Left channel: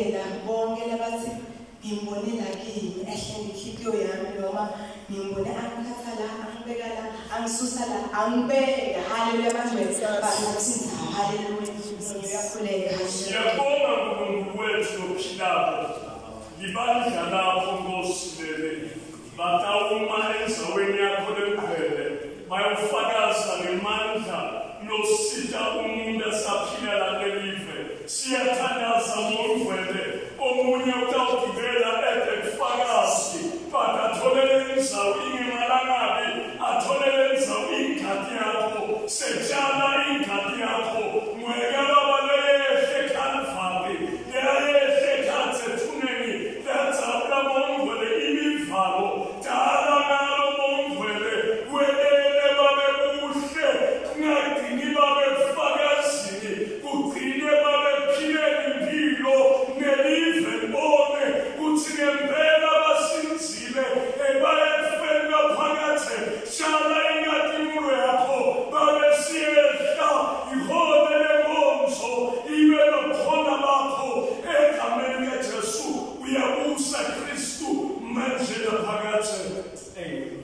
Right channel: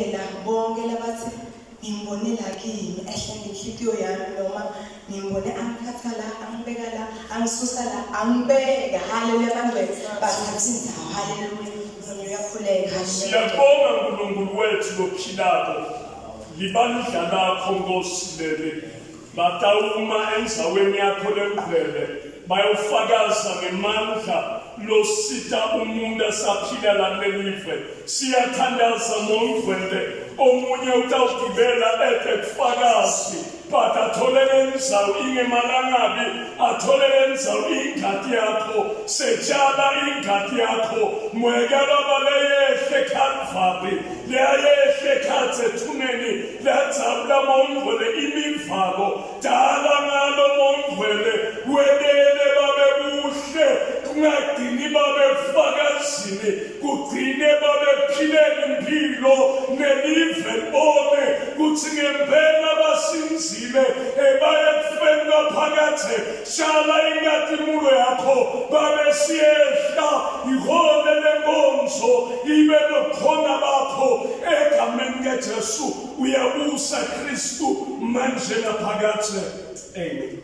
ngiyabingelela bonke labathi ngimbonela kimi ehle ngenhliziyo yami noma ngimbone angiphatha la angibeka la angisusa la angibeka haleluya kanjani bakusinza haleluya ngiyakhuleka siyabonga uNkulunkulu wethu lophilako libandla lakho Nkosi leli batawuma enzaweni yakho lengcwele bayofakaza ngemandla losita umuntu asaphila la lelive siyathandaza ngongcwele omunye utawugibela ekufakazi but atholele inzawo ingemalangabi atholele inzawo ingadi yakho setshala ingadi yakho mwekela baleyehle Calvary leyehle khathethuneni lenzawula mongcwele imivalo dala ngalo mongcwele welele babe buhle kungadini babe fakazini kugcine babe phileni impilo nelive libone kuthi ngempela basinzile ebayekufeni baphakathe shala ingadimulo yakho babe siyehla ihole lenkonzo ibe nokhona bakho egameni kaJesu uyabusa Kristu manje naphakathe amen.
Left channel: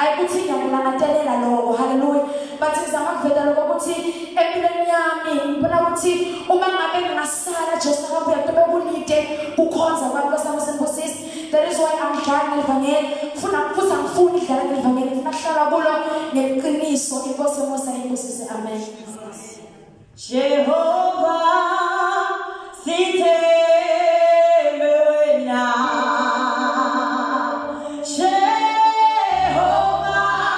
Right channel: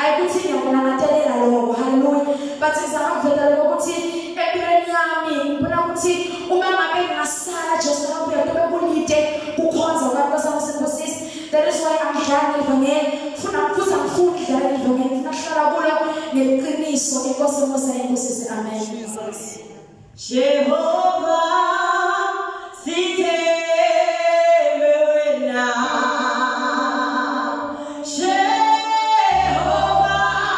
I could see that I tell you, hallelujah. But since I'm not ngivongela ufuna futhi angifuni idlala ngivongela ufuna kuhlala neqiniso inkosi mosa inkosi se amen. Jehovah sithe Jehovah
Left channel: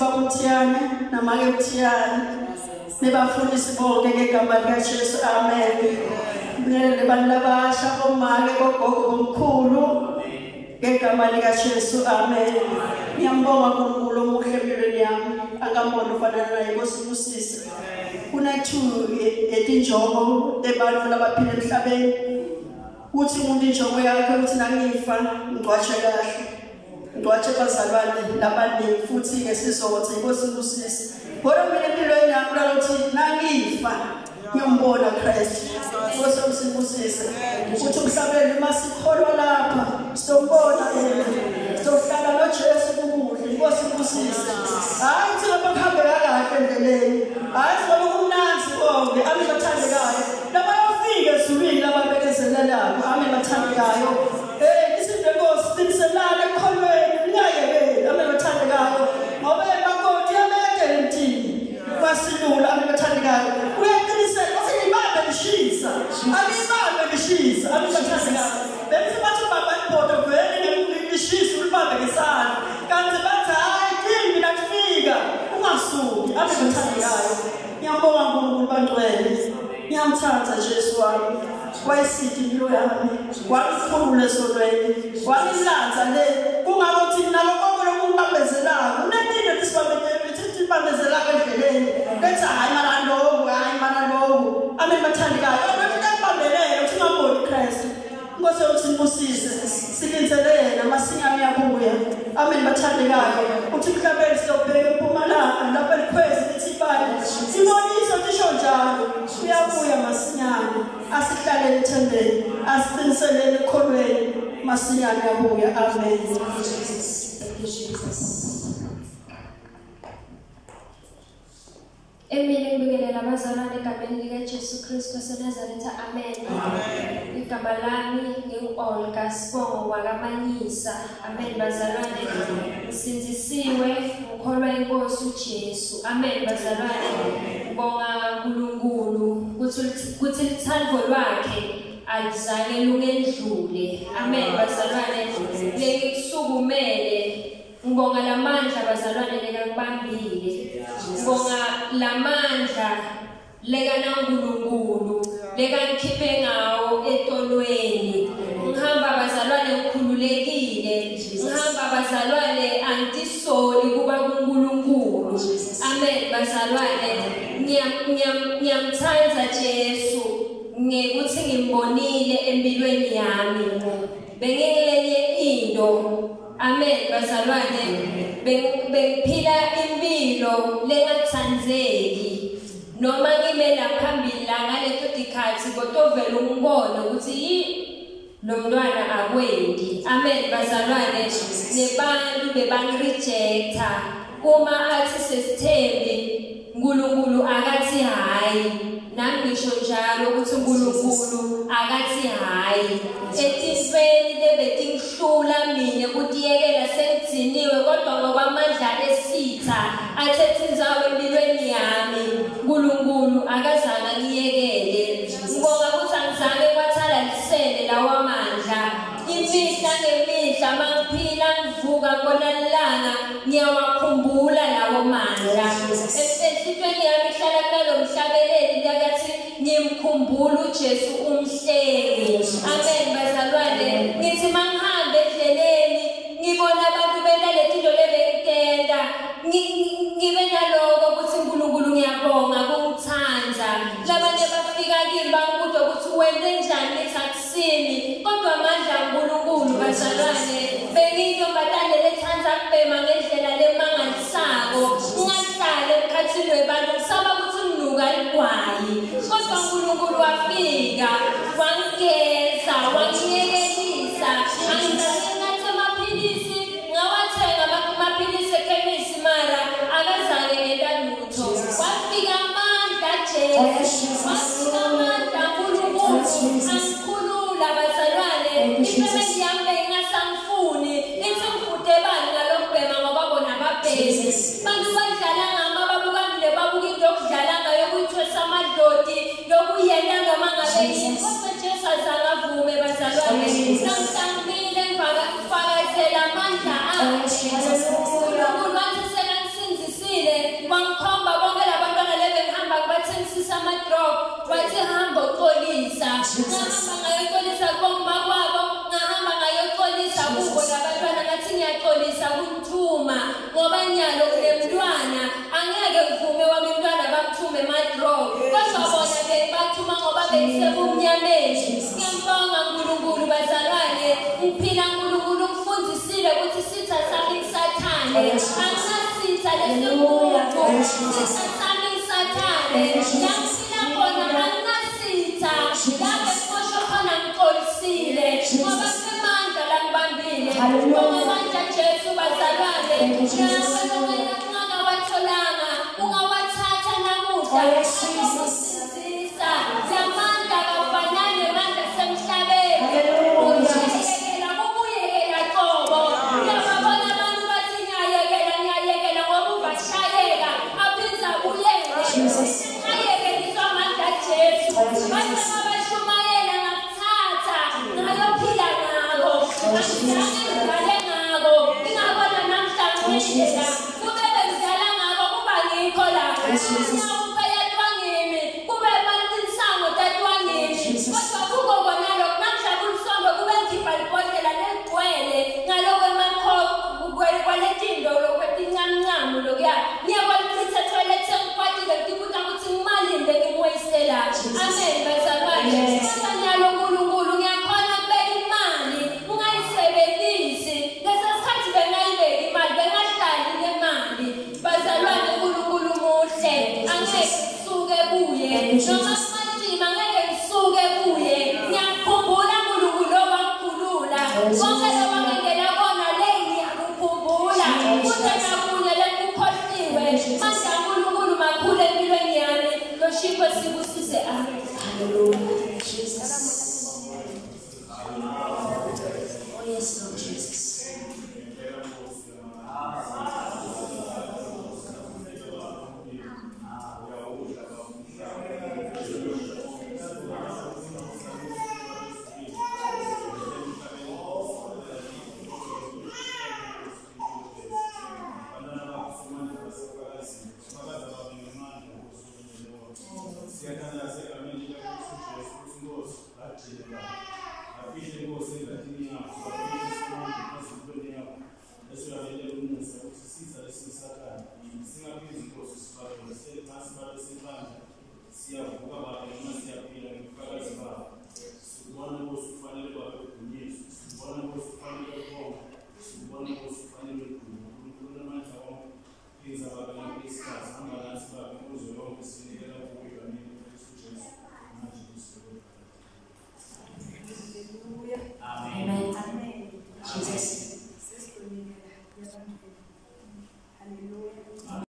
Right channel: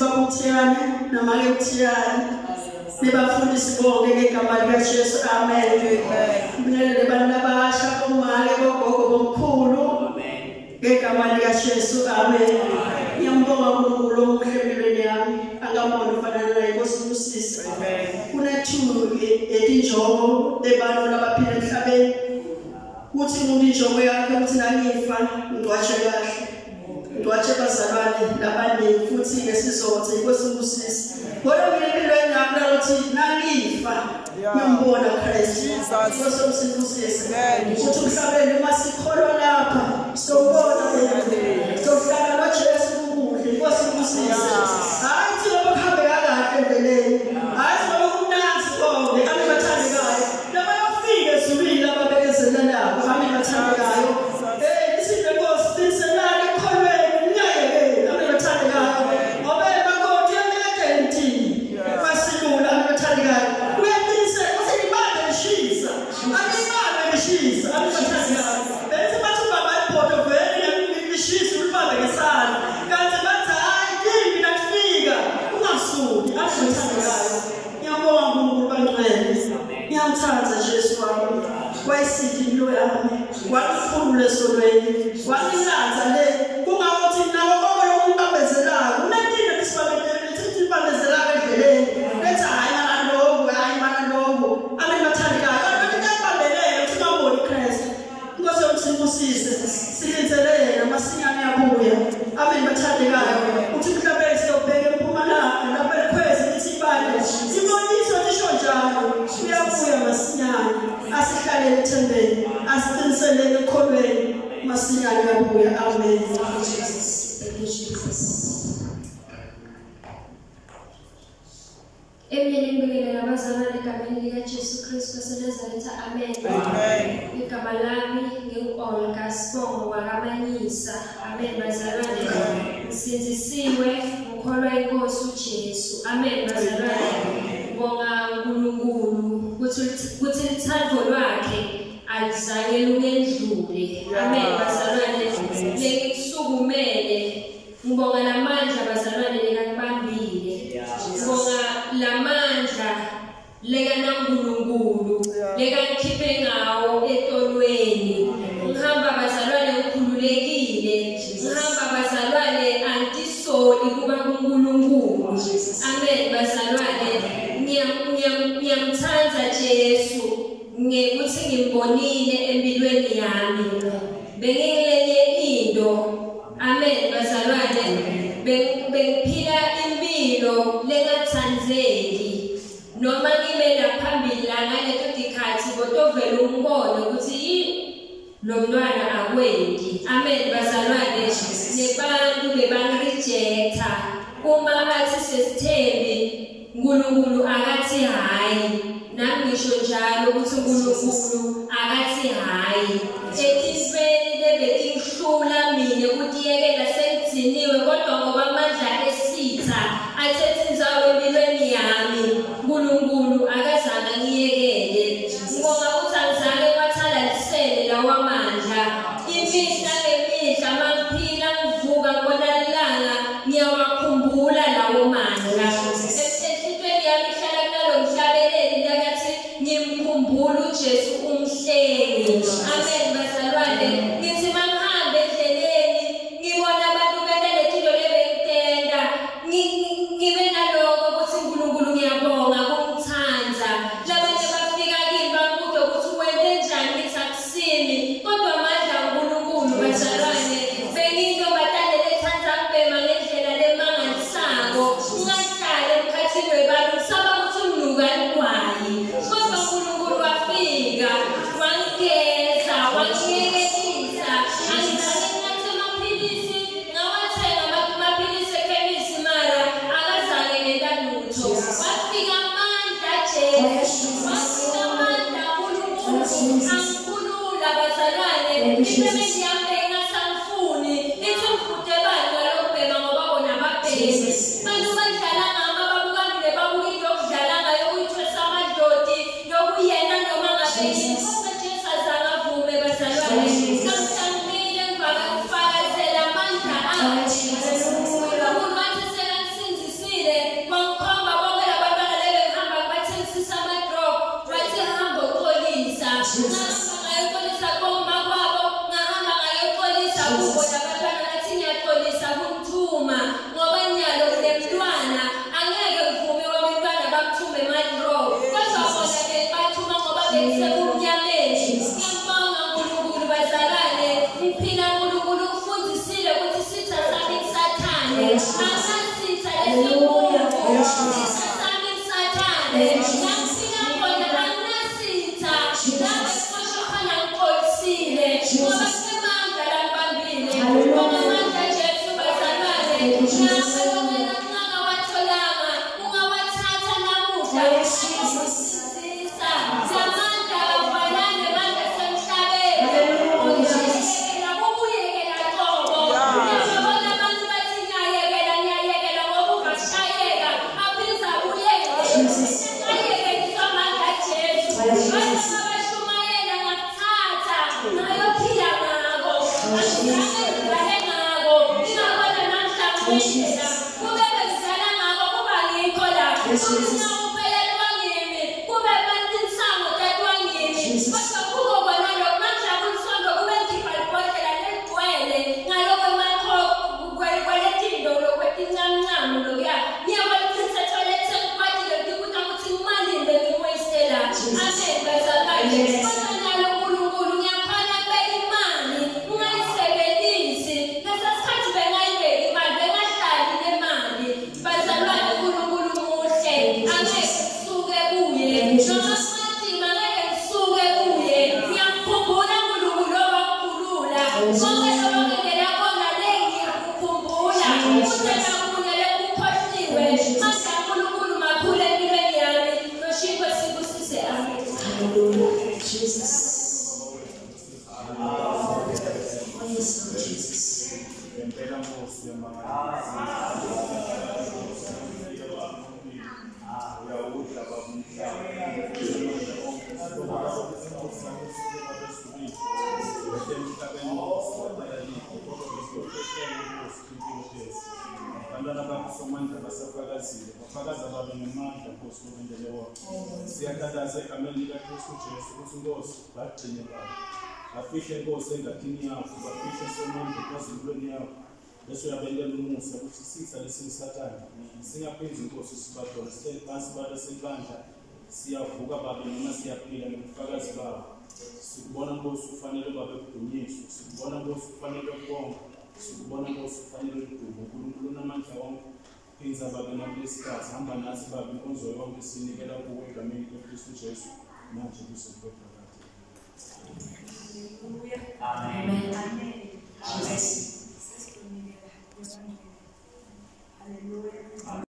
Babuthiyana namakethiyana nibafundisi bonke ngegama likaJesu amen. Ngilele bantu abasha omali bogogo bomkhulu ngegama likaJesu amen. Ngiyambonga uNkulunkulu omuhle empilweni yami angamboni ufana naye ngosibusisi. Kunathu etinjongo lebantu labaphila emhlabeni uthi umuntu injongo yakhe ukuthi nangifa ngcwatshe kahle ngcwatshe bazalwane labaningi futhi ngesizothe ngosibusisi. Kodwa mina empilweni yami ukuthi nangifa ngiyambona Christ ngosibusisi ukuthi umhlabeni masikholwa lapha sombona sohlala noJesu kubuhle ngosibusisi. Hayi thi abahambe kahle endleleni hayi ngoba kumnanzi konke abathandekayo labafika ezulwini lababekezelanayo abathandekayo isizwe Nkosi sinselana ekholweni ngiyayekela abathandekayo ngoba emakoti yameke emthini kwasilula abathandekayo uyaqiniseka ukuthi libambe lishisa alibambe lishisa abathandekayo lenze bathi baba ibhodo vele lishisa ulibambe ngesandla kanti bathi hayi kimi nakufika ungasuki abathandekayo. Ngiyabonga uNkulunkulu bantwele ngiyamthanda Jesu wami wayisithi impilo yami walikhulula esonweni walilanza le kungakuthi nalo konke lokungabezelayo unantile lisibambele lithi libambezelayo endleleni lethi hayi mana lokho abathandekayo abantu bayibambelele ukuthi bambone Christ Nkosi yomsibusise silinzelele masinyane yabuya bathandekayo uthi mhlabeni siyobheka eMpumalanga lapha likhwezi lithi ibali sibonisa ngisho njalo uyabuya masinyane asihlalele ethembeni asiqiniselele ekholweni masinyane yabuya amen. Thank you Jesus. Emini ngibingelela abazalwane egameni likaJesu Kristu waseNazaretha amen. Igama lami ngingu-Olga Sibongo wakamanyisa amen bazalwane. Ngisinzisiwe ngikholwa inkosi uJesu amen bazalwane. Ngibonga uNkulunkulu ukuthi lithando lwakhe alizange lungendlule amen bazalwane. Ngikusukumele ngibonga lamandla bazalwane lekangibambile. Ngibonga lamandla lekaNkulunkulu lekangikhiphe ngawo etolweni. Ngihamba bazalwane ngikhululekile ngihamba bazalwane antisoli kuba kuNkulunkulu amen bazalwane. Ngiyamthanda Jesu ngekuthi ngimbonile empilweni yami bengengelenye into amen bazalwane. Bengiphila impilo lengathandzeki noma ngimela phambili la ngaleto dikhathi kodwa vele ungibone ukuthi lo mntwana akwendi amen bazalwane. Nebantu bebangirejecta uma athi sesithembi uNkulunkulu akathi hayi nami ngisho njalo ukuthi uNkulunkulu akathi hayi. Etifeni lebetingihlula mina kutiyekela sengitsiniwe kodwa ngoba amandla esitha athethe inzawo empilweni yami uNkulunkulu akazange ngiyekele. Ngibonga ukuthi angizange wathalalisele lawa mandla imihla ngemihla mangiphila ngivuka ngibona lilanga ngiyawakhumbula lawo mandla. Enhlizweni yami ihlala kunalo mhlabeleli lakathi ngimkhumbula uJesu umhlengi amen bazalwane. Ngithi mangihamba endleleni ngibona abantu benaletinto lebengitenda ngibe naloko ukuthi uNkulunkulu ngiyabonga kungithanda. Labanye bafika kimi bangibuza ukuthi wente njani ngithi akusimi kodwa amandla uNkulunkulu bazalwane. Bengiyintombatane ngendlela kumele ngidlala ngabo kuba ngikho la ngiyawuphela twangimi kube mantinsango tatwangimi kodwa kubo bona lo manje akusondo kube ngikhipha ibhodlela legcwele ngaloko emakho kweletindo lokwetincamncamo lokuya ngiyakwalichitha toilet engiphathile ngikubuka ukuthi ngimalinde ngimweyisela amen bazalwane kodwa nyalo uNkulunkulu ngiyakhona ukubeka imali ungayisebenzisi lesa sikhathi bengayibeki imali bengahlali nemali bazalwane uNkulunkulu muhle angeke suke kuye noma simatima ngeke ngisuke kuye ngiyakukhumbula uNkulunkulu owakhulula konke lobangela kona le ngiyakukhumbula kuthena kunye lekukhohliwe manje uNkulunkulu makhulu empilweni yami lo shiko sibusise amen. Hallelujah. Jesus. Oh, yes, Lord Jesus. Siyathandaza egameni likaKristu Jesu ukuthi Nkosi bagcine babo bafihle Nkosi engathini yakho bafihle somandla phezulweni yakho bese uyabelela umusa ukuthi sitha lesisathane singaphezu Nkosi sibakhona sibale sebandla siyavuka baba noma siyaphila ngobufakazi babo sikubona Nkosi ufanele babe udunyiswe sikubona Nkosi ufanele bonke sikubona Nkosi ufanele udumo uNkulunkulu namandla wonke phinza baba nakulesikhathi hamba nathi baba inkonzo yonke sinikela kuwe egameni likaKristu Jesu manje kusuka